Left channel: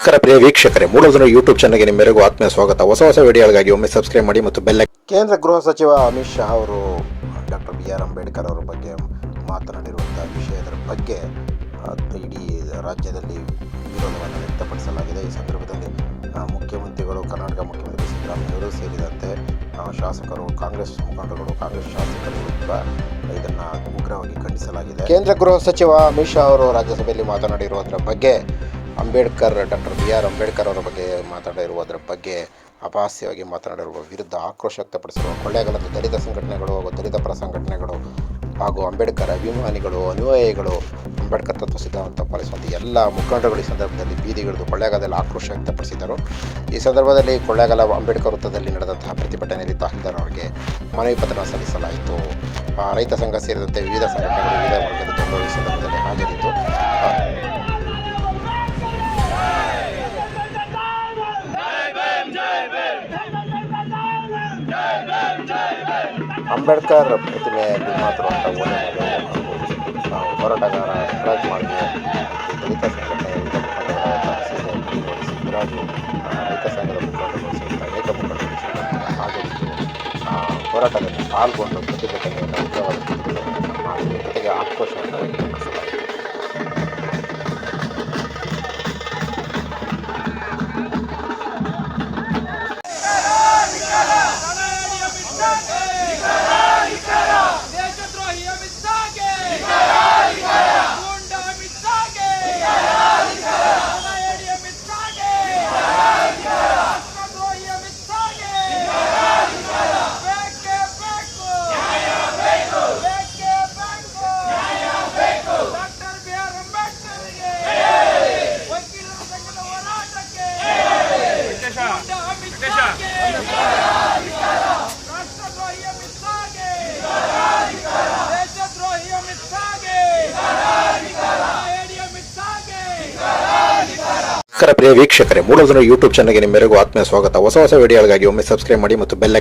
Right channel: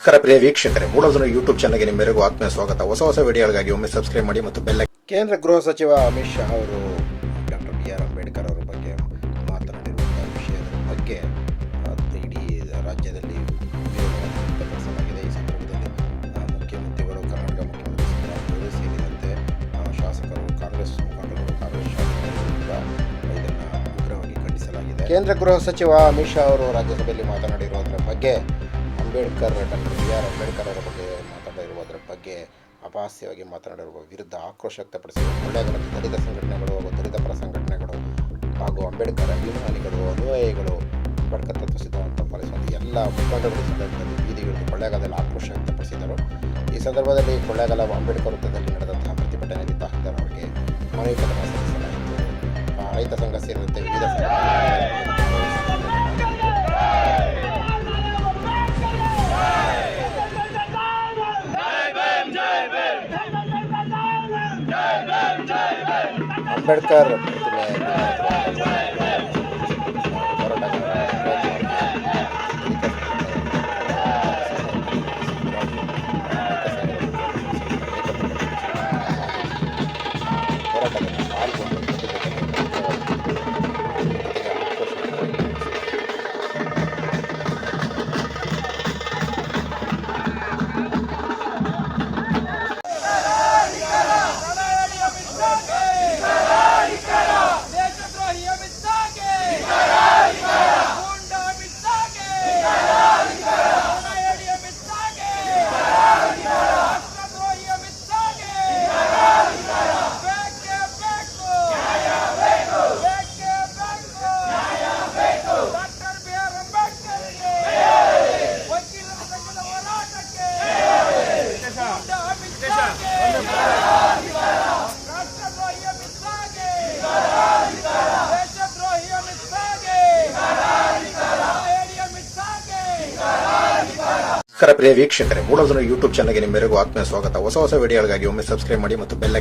ನಮಸ್ಕಾರ ಪ್ರಿಯ ವೀಕ್ಷಕರೇ ಮೂಲಧನ ಯೂಟ್ಯೂಬ್ ಚಾನಲ್ಗೆ ನಿಮ್ಮೆಲ್ಲರಿಗೂ ಆತ್ಮೀಯ ಸ್ವಾಗತ. ಹೊಸ ಹೊಸ ವಿಡಿಯೋಗಳಿಗಾಗಿ ಒಮ್ಮೆ ಸಬ್ಸ್ಕ್ರೈಬ್ ಮಾಡಿ ಮತ್ತು ಬೆಲ್ಲ ಕೇಂದ್ರ ಗೃಹ ಸಚಿವ ಅಮಿತ್ ಶಾ ಅವರು ಡಾಕ್ಟರ್ ಬಿ ಆರ್ ಅಂಬೇಡ್ಕರ್ ಅವರ ಬಗ್ಗೆ ಮಾತನಾಡಿರುವಂಥ ವಿಷಯದ ಬಗ್ಗೆ ಆ, ಇಡೀ ರಾಜ್ಯದಲ್ಲಿ ವಿರೋಧವನ್ನು ವ್ಯಕ್ತಪಡಿಸಲಾಗಿದೆ. ಈ ಸಂದರ್ಭದಲ್ಲಿ ಆ, ಮುಖ್ಯಮಂತ್ರಿಗಳು ಕರ್ನಾಟಕ ಮುಖ್ಯಮಂತ್ರಿ ಸಿದ್ದರಾಮಯ್ಯವರು ಸೇರಿದಂತೆ ಆ, ಶಾಸಕರು ಕಾಂಗ್ರೆಸ್ ಮುಖಂಡರುಗಳು ಕಾಂಗ್ರೆಸ್ ಶಾಸಕರು ಕೂಡ ಇದನ್ನು ಉಗ್ರವಾಗಿ ಖಂಡಿಸಲಾಗಿದೆ. ಕೇಂದ್ರ ಗೃಹ ಸಚಿವ ಅಮಿತ್ ಶಾ ಅವರು ರಾಜ್ಯಸಭೆಯಲ್ಲಿ ಮಾತನಾಡಿರುವುದರ ಬಗ್ಗೆ Ambedkar, doctor B R Ambedkar ಅವರ ಬಗ್ಗೆ ಮಾತಾಡಿರುವುದರ ಬಗ್ಗೆ ಅಪಹಾಸ್ಯವಾಗಿ ಮಾತನಾಡಿರುವ ವಿರುದ್ಧ ಆಕ್ರೋಶ ವ್ಯಕ್ತಪಡಿಸಿರುವ ಕೊಳ್ಳೇಗಾಲದ ದಲಿತ ಸಂಘಟನೆಗಳು ಹಾಗೂ ದಲಿತ ಪರ ಸಂಘಟನೆಗಳು ಹಾಗೂ ಅಂಬೇಡ್ಕರ್ ಅಭಿಮಾನಿಗಳು, ಅನುಯಾಯಿಗಳು ಅಂಬೇಡ್ಕರ್ ತತ್ವ ಸಿದ್ಧಾಂತ ಪಾಲಿಸುವಂಥ ಎಲ್ಲ ಮುಖಂಡರುಗಳು ಈ ಸಂದರ್ಭದಲ್ಲಿ ಬೀದಿಗಿಳಿದು ಕೊಳ್ಳೇಗಾಲದಲ್ಲಿ ಆಕ್ರೋಶ ವ್ಯಕ್ತಪಡಿಸಿದರು. ಈ ಸಂದರ್ಭದಲ್ಲಿ ಕೊಳ್ಳೇಗಾಲ ಅಂಬೇಡ್ಕರ್ ವೃತ್ತದಲ್ಲಿ ನಡೆದಂತಹ ಪ್ರತಿಭಟನೆಯಲ್ಲಿ ತಹಸೀಲ್ದಾರ್ ಅವರಿಗೆ ಮನವಿ ಪತ್ರ ಸಲ್ಲಿಸಲಾಯಿತು. ರೈತ ಸಂಘ ಸೇರಿದಂತೆ ವಿವಿಧ ಸಂಘಟನೆಗಳು ಸಹಿತ ಅನೇಕ ಮುಖಂಡರು ಹಾಜರಿದ್ದು, ಆ, ಹೋರಾಟದಲ್ಲಿ ಪಾಲ್ಗೊಂಡು ಪ್ರತಿಭಟನೆಯನ್ನು ಶಾಗೆ ನಮಸ್ಕಾರ ಪ್ರಿಯ ವೀಕ್ಷಕರೇ ಮೂಲಧನ ಯೂಟ್ಯೂಬ್ ಚಾನಲ್ಗೆ ನಿಮ್ಮೆಲ್ಲರಿಗೂ ಆತ್ಮೀಯ ಸ್ವಾಗತ. ಹೊಸ ಹೊಸ ವಿಡಿಯೋಗಳಿಗಾಗಿ ಒಮ್ಮೆ ಸಬ್ಸ್ಕ್ರೈಬ್ ಮಾಡಿ ಮತ್ತು ಬೆಲ್ಲ